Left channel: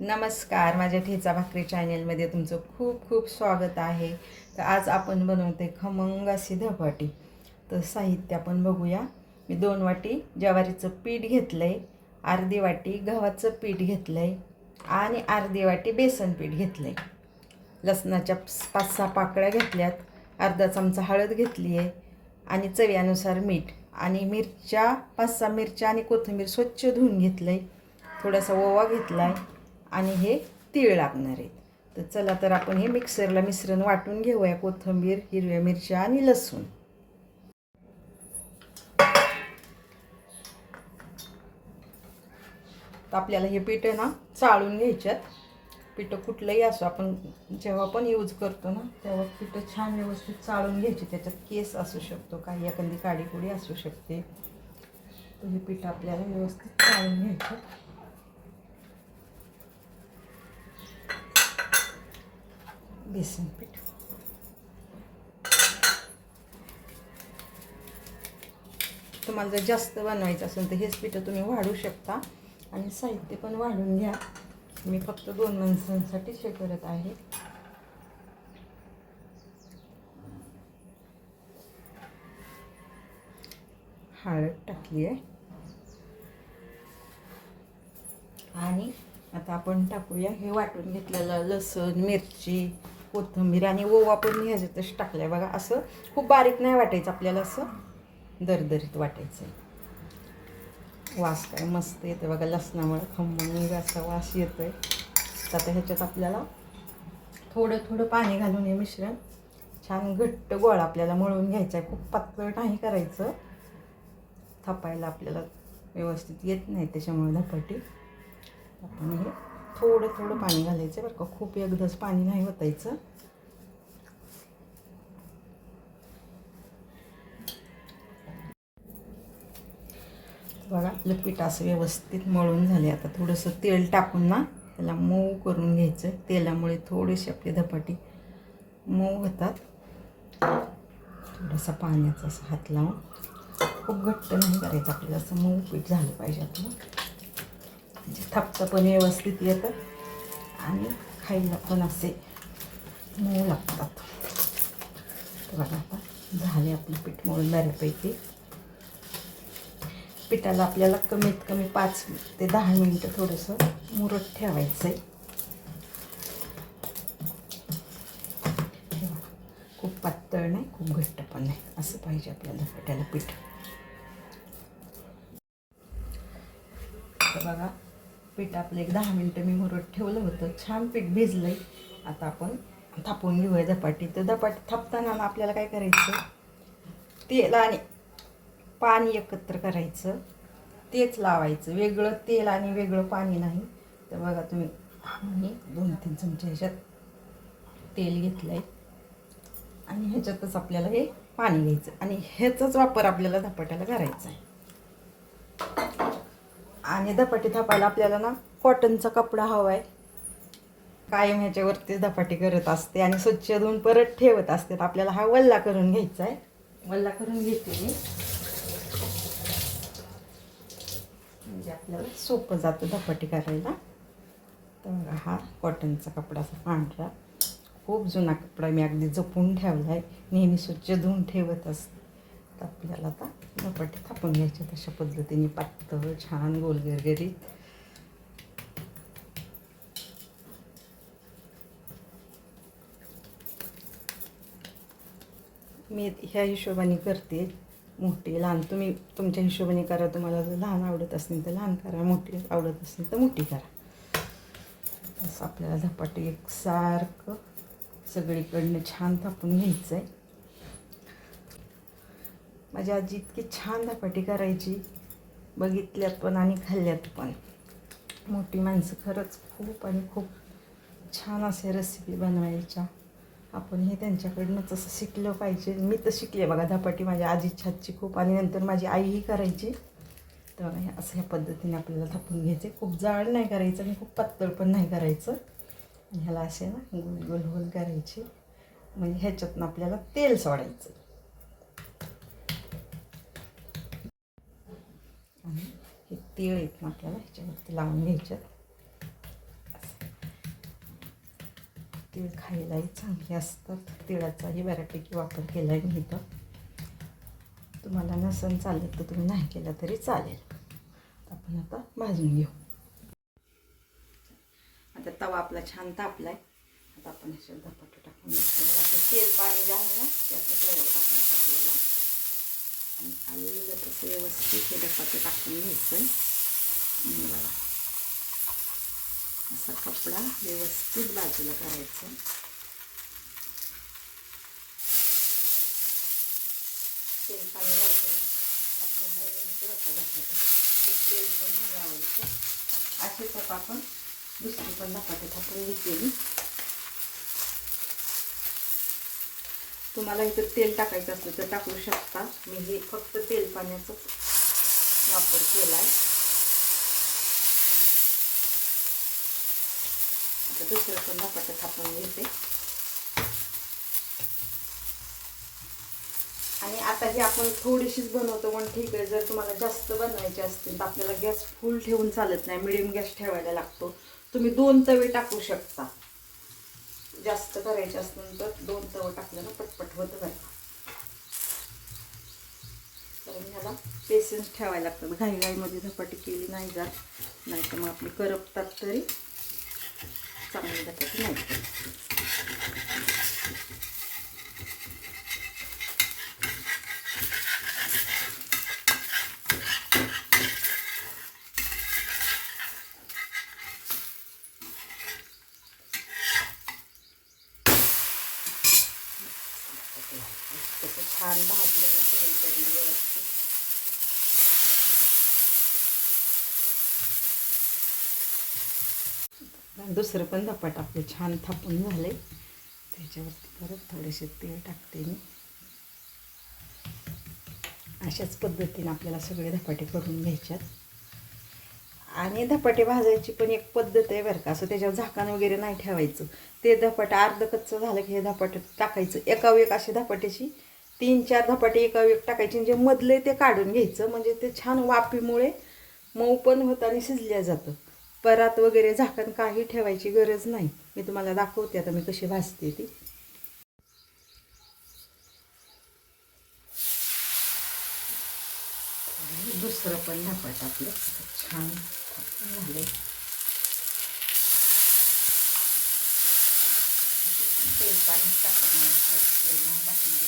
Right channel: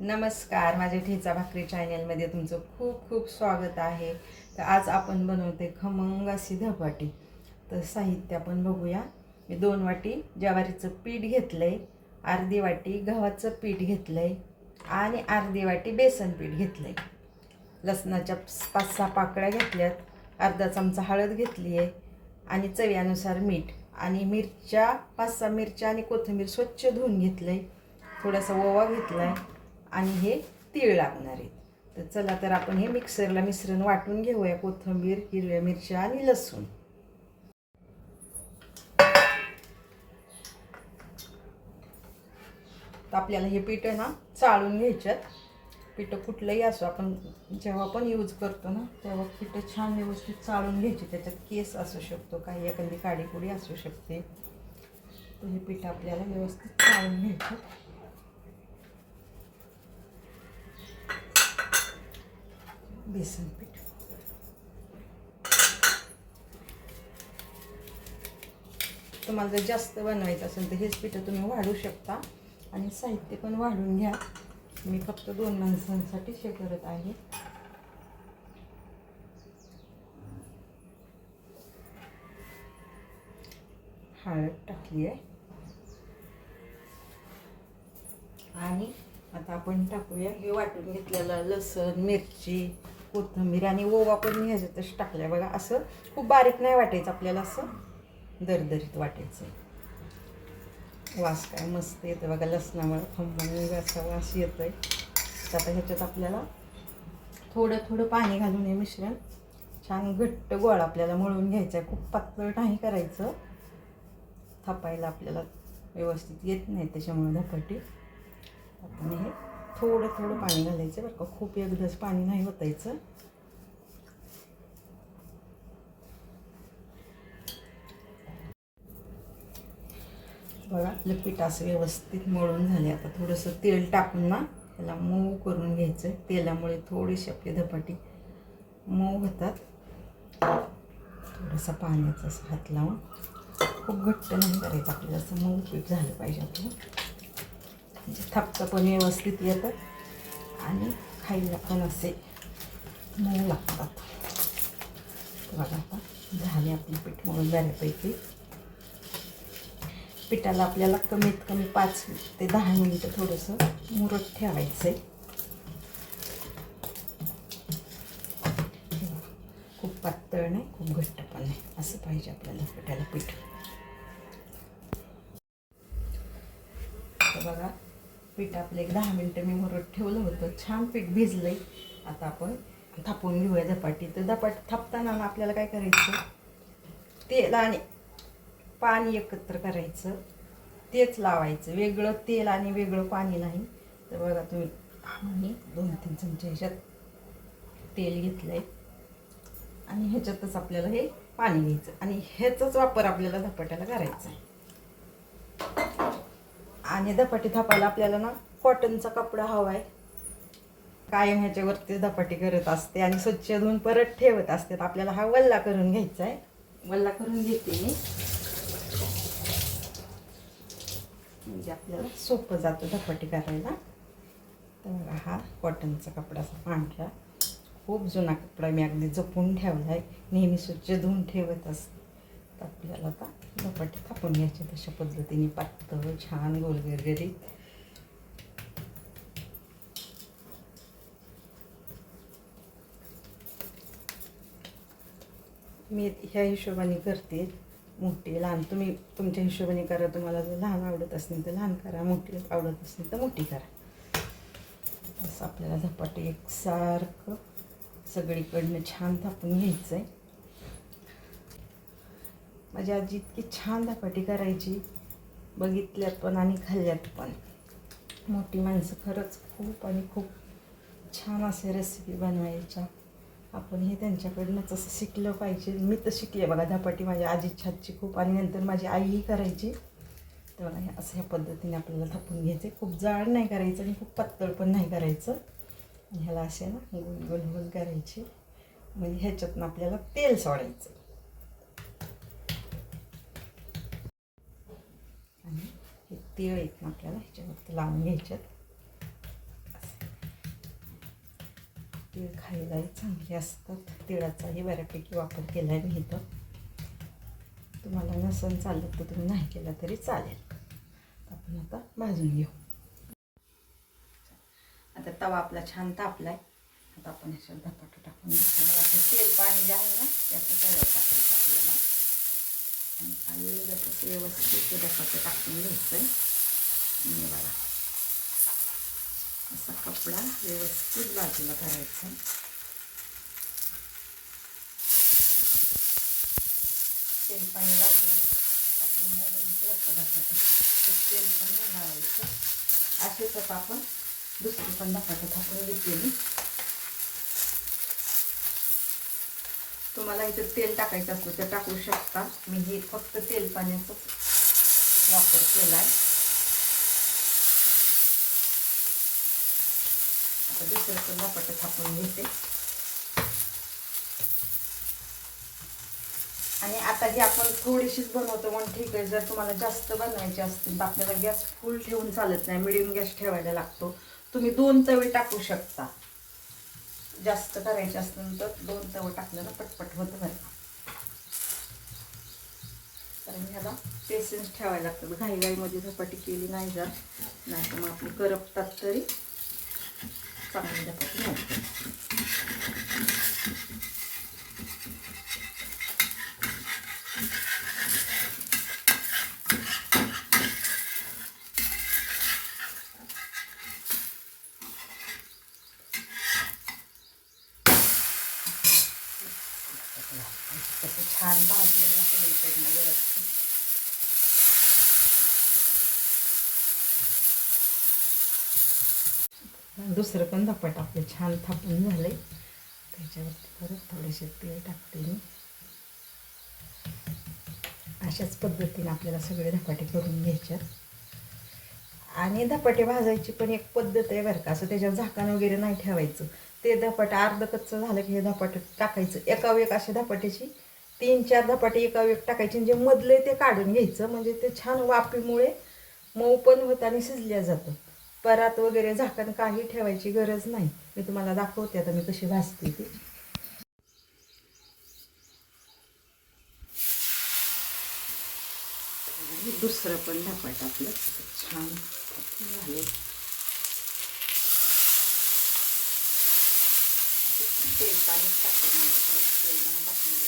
नमस्कार, माझ्या ठेचा भाकरी चॅनलमध्ये तुमचं खूप खूप स्वागत आहे. तर आज आपण बनवते खमंग अशी धपाटी. तर साहित्य आपण बघूया. मी 2 वाटी ज्वारीचं पीठ घेतलं आहे, अर्धी वाटी गव्हाचं पीठ घेतलं आहे आणि अर्धी वाटी बेसन पीठ घेतलं आहे. लसणाच्या 5-6 पाकळ्या घेतल्यात, अर्धा चमचा हळद घेतली आहे आणि चवीनुसार मीठ आणि मिरच्या 5-6 मिरच्या आणि कोथिंबीर स्वच्छ धुवून घेतलं आहे. थोडासा ओवा घेतला आहे आणि हे तीळ लागणार आहेत. तर चला तर आपण हे मिक्सरला मिश्रण वाटून घेऊया. कोथिंबीर, हिरव्या मिरच्या आणि लसूण. तर आपल्याला हे पीठ ना चाळून घ्यायच्यात. पीठ कुठलंही असो, आपण जेव्हा पण यूज करतो ना तेव्हा पीठ छान व्यवस्थित चाळून घ्यायची. त्याच्यात केस असू शकतो, काही एखादी काडीकुडी असू शकते. तर हे पीठ आपल्याला व्यवस्थित चाळून घ्यायचं. बेसन पीठ तुम्हाला जर जास्त बनवायचं असेल तर हेच पीठ तुम्ही वाढू शकता आणि साहित्य पण वाढून घ्या. मी फक्त 2 माणसांसाठी हे करत आहे. हळद टाकली आहे आणि आता आपण टाकूया हे वाटून घेतलेलं लसूण, मिरची, कोथिंबीर आणि ओवा पण मी ह्याच्यातच टाकल्या. बघा, असं खूप बारीक नाही वाटायचं आपल्याला, असं दरदरीत वाटायचं आहे. वास काय मस्त येते बघा, लसणामुळे खमंग असा वास येतोय. तर आता ह्याच्यात आपल्याला थोडं थोडं पाणी घालून हे मिश्रण छान घट्ट गोळा आपल्याला मळून घ्यायचा आहे. खूप पातळ नाही करायचं, थापायला आपल्याला व्यवस्थित येत नाही त्याच्यामुळे धपाटी. आपण हे थोडं थोडं पाणी घालायचं बरं का, खूप एकदाच पाणी नाही ओतायचं. बघा, आपलं पीठ असं व्यवस्थित मळून झाले. आता थोडंसं तेल टाकून ना त्याला मऊ करून घ्यायचं. तेलामुळे थोडीशी आपली धपाटी मऊ होतात. थोडासा पाण्याचा असं हात लावून, खूप घट्ट नाही करायचं आपल्याला, असं मऊ पीठ झालं पाहिजे आपलं. म्हणजे थापतं पण व्यवस्थित येतं आणि खायला पण असे मऊ लागतात. बघा, आता झाले आपलं पीठ मळून बऱ्यापैकी. पिठाला आपल्याला कमीत कमी 5 ते 10 मिनिटं थोडंसं मुरत ठेवायचं आहे. खूप पातळ नाही, खूप घट्ट पण नाही, असं पाहिजे आपल्याला पिठाला पीठ. तर बघा, पीठ आपलं एक 10 मिनिटं मी मुरत ठेवलं होतं. छान पीठ भिजलंय. आता आपण थापून घेऊया धपाटी. तर धपाटी थापताना आपल्याला काय करायचं, तेल आणि पाणी एकत्र करायचं, तेच लावायचं. वेगळं तेल आणि वेगळं पाणी नाही. तर बघा तुम्ही, मी 2-3 चमचे ह्याच्यात तेल घेतलं आहे आणि ह्याच्यातच आपल्याला हे पाणी घ्यायचं आणि ह्याचाच वापर आपल्याला धपाट्याला करायचा आहे. आणि धपाटी थापायला आपल्याला ना कॉटनचा कपडा हवा आहे. कायम ह्याच्यावरती धपाटी करत असते आणि स्वच्छ धुवून परत ठेवत असते. आपल्याला हा वल्ला करून घ्यायचा आहे. वल्ला करून घेते मी, म्हणजे आपल्याला सोपं जातं धपाटी करायला. तर बघा, हा कॉटनचा कपडाचा पांढरा खूप जुना कपडा, मी अगदी जपून ठेवला आहे, नेहमी स्वच्छ धुवून ठेवत असते. तर आपल्याला आता धपाटी थापून घ्यायचे तशा पद्धतीने, पातळ छान गोलगरगरीत. मी ह्या हिशोबाने करते, मोठी लहान तुम्ही तुमच्या हिशोबाने करा. तुम्हाला जर लहान आवडत असेल तर लहान करा, मोठी आवडत असेल तर मोठी करा. असं आपल्याला धपाटी एकसारखं सगळीकडनं छान थापून घ्यायचं आहे. माझी आजी इतकी छान धपाटी करायची, बघितल्यात पण आणि खाल्ल्यात पण. मोठी माणसं खरंच खूप आणि खूप छान असे रेसिपी बनवायच्या. आपण हे त्यांच्याकडनंच असं शिकलं पाहिजे. मी तर शिकले बघा धपाटी माझ्या आजीच्या हातची खूप, आणि नंतर माझी आईही करायची. तर असं ह्या पद्धतीने आपल्याला थापून घ्यायचे. खूप जाड नाही करायचं आणि खूप पातळ पण नाही करायचं. ह्याला असे ना गोल गोल गोल करायचे, म्हणजे ह्याच्यातनं आपल्याला तेल सोडायचं. आणि हे तीळ आहेत ना आपल्याला ह्याच्यावरती लावून घ्यायच्यात. तीळ खायलाही चांगले असतात. तिळाचाही बऱ्यापैकी वापर केला आहे मी इथं. तुम्हाला नसन चालेल तर तुम्ही नाही केला तरी चालेल. आपण आता भाजून घेऊ. आता तवा आपला छान तापला आहे. आता आपण ह्याच्यात धपाटे टाकून आता तेल पाणी जे आहे ना त्याचं तव्यावर टाकायचं आपल्याला. आणि आलेलं तसं व्यवस्थित ते धपाटे टाकून घ्यायचं आणि बघा असा कपडा व्यवस्थित बाजूला करायचा. तेल पाणी लावलं आपल्याला धपाटे तेल पण नाही लावायचं. असेच आता आपण दुसरी पण धपाटे थापून घेतलेली. तुम्हाला इथं तेल टाकायचं असलं तर टाकू शकता. मी हे फक्त तेल पाण्याचाच वापर केला आहे. आता दुसरं पण धपाटे थापून घेते. आणि आता ही आपण थोडीशीच बनवतो म्हणून ठीक आहे. जर तुम्हाला जास्त बनवायचे असतील तर आपल्याला गॅस फुल ठेवून चालत नाही, मिडियम गॅस ठेवायला लागतो. तुम्ही 2 तवे टाकू शकता. जास्त करायचे असतील तर 2 तवे टाकलं ना पटपट होतं बरं. कारण ह्याला पेशन्स ठेवायला लागतं. घाईघाईमध्ये धपाटी केली नाही जात, नाही तर मग आपली करपतात तरी चांगली धपाटी नाही. कसं छान भाजलं ना सगळीकडनं व्यवस्थित. दुसरं पण धपाट आपले छान थापून झाले. त्याच्यावरती परत थोडेसे तेल टाकते मी. अशाच पद्धतीने आपल्याला सगळे धपाटे करून घ्यायच्यात. आणि धपाटे भाजायची पण एक पद्धत आहे बरं का. असं त्याच्यावर झाकण वगैरे नाही ठेवायचं. ते धपाटे अर्ध कच्चं झालं की हे धपाटे टाकायचं. एका एक अशी धपाट्याची 3-4 धपाटे एका एक टाकायचे. जे मधले ते काढून घ्यायचं. म्हणजे ते छान वाफीमुळे मऊ पण होतं आणि शिजल्या जातं. परात वगैरे झाकण काही ठेवायची गरज नाही. मी तुम्हाला दाखवते आता मी कशी भाजते ती. दुसरं पण धपाट आपलं छान झाले. तेल पाणी टाकायचं. तेल टाकणार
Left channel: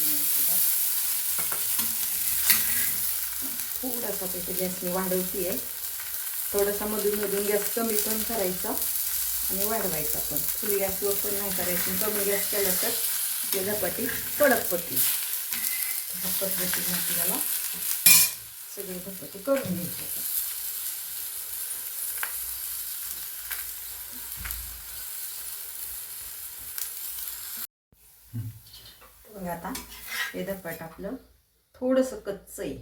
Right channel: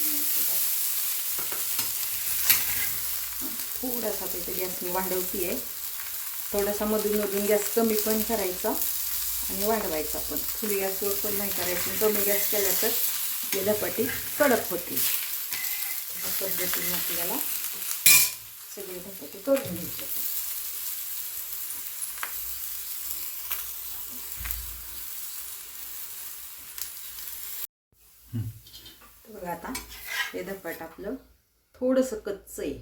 थोडासा त्याच्या गॅस मी वाढवती आहे. थोडासा मधून मधून गॅस कमी पण करायचा आणि वाढवायचा पण. फुल गॅसवर पण नाही करायचं. कमी गॅस केला तर आपली धपाटी कडक होती. त्या पद्धतीने आपल्याला सगळे धपाटे करून घ्यायचे. बघा आता हे धपाट आपलं थोडंसं कच्चं आहे.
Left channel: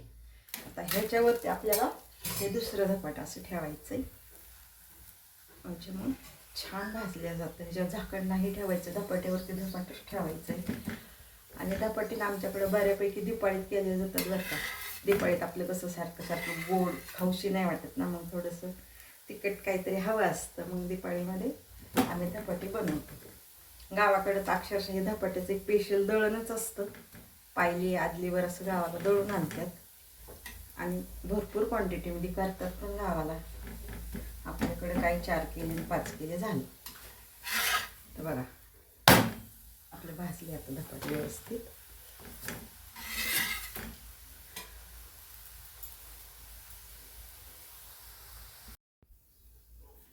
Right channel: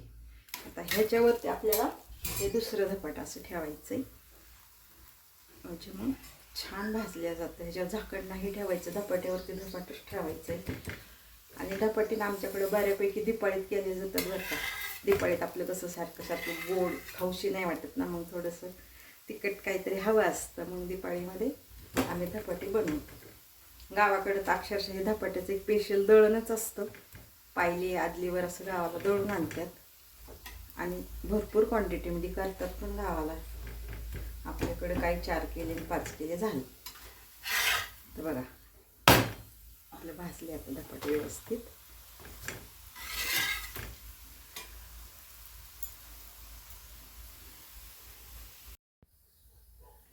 आता ह्याच्यावरती आपल्याला हे दुसरं धपाट असं ठेवायचं आहे. म्हणजे मग छान भाजल्या जातं. ह्याच्यावर झाकण नाही ठेवायचं. धपाट्यावरती धपाटच ठेवायचं आहे. आणि धपाटीला आमच्याकडे बऱ्यापैकी दिपाळीत केले जातात बरं का. दिपाळीत आपलं कसं सारखं गोड खाऊशी नाही वाटत ना, मग थोडंसं तिखट काहीतरी हवं असतं. मग दिपाळीमध्ये आम्ही धपाटे बनवतो. गावाकडे तर अक्षरशः हे धपाट्याचं एक स्पेशल दळणच असतं. पायली आदलीवर असं गावाला दळून आणतात आणि भरपूर क्वांटिटीमध्ये करतात पण गावाला. आपल्याकडे काही 4 केले 5 केले झाले. तर बघा आपलं भाजले आता धपाटे व्यवस्थित.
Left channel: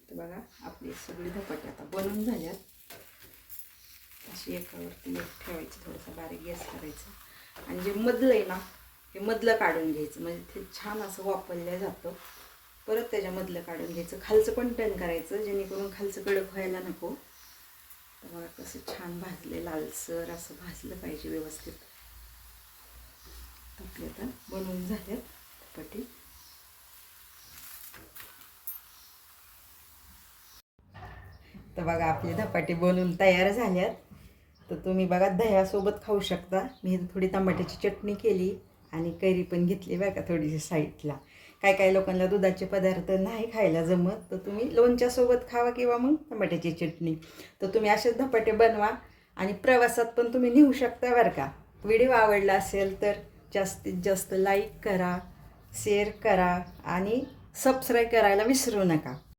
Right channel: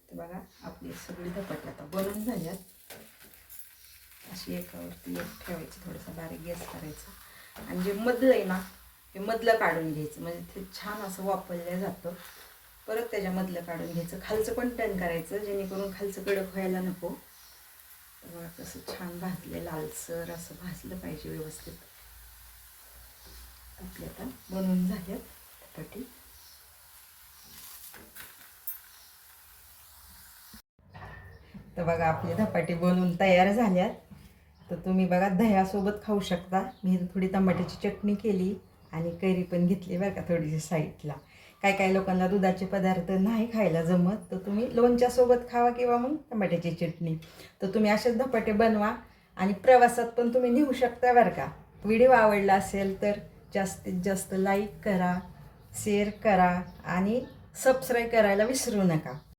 तर बघा आपली सगळी धपाटे आता बनवून झाल्यात. अशी एकावरती एक ठेवायची. थोडंसं बारीक गॅस करायचं आणि जे मधलं आहे ना हे मधलं काढून घ्यायचं. म्हणजे ते छान असं वापरलं जातं. परत त्याच्यामधलं काढून घ्यायचं. खालचं पण टर्न करायचं जेणेकरून खालचं कडक व्हायला नको. तर कसं छान भाजले लालसर असं भाजलं पाहिजे व्यवस्थित. आपले आता बनवून झाले धपाटे. तर बघा आपले धपाटे बनवून तयार झाल्यात. तर तुम्ही बघा दह्यासोबत खाऊ शकता. मी थोडी टमाट्याची चटणी केली आणि कैरी पण घेतली बरं का थोडीशी साईडला. काही काही लोकांना दुधाचे पदार्थ नाही खायला जमत, तर तुम्ही लोणच्यासोबत खावा किंवा मग टमाट्याची चटणी. तर तुम्ही असेच धपाटे बनवा आणि प्रवासात पण तुम्ही नेऊ शकता बरं का. व्हिडिओ आवडला असेल तर जास्तीत जास्त लाईक करा, शेअर करा आणि सबस्क्राईब करायला विसरू नका.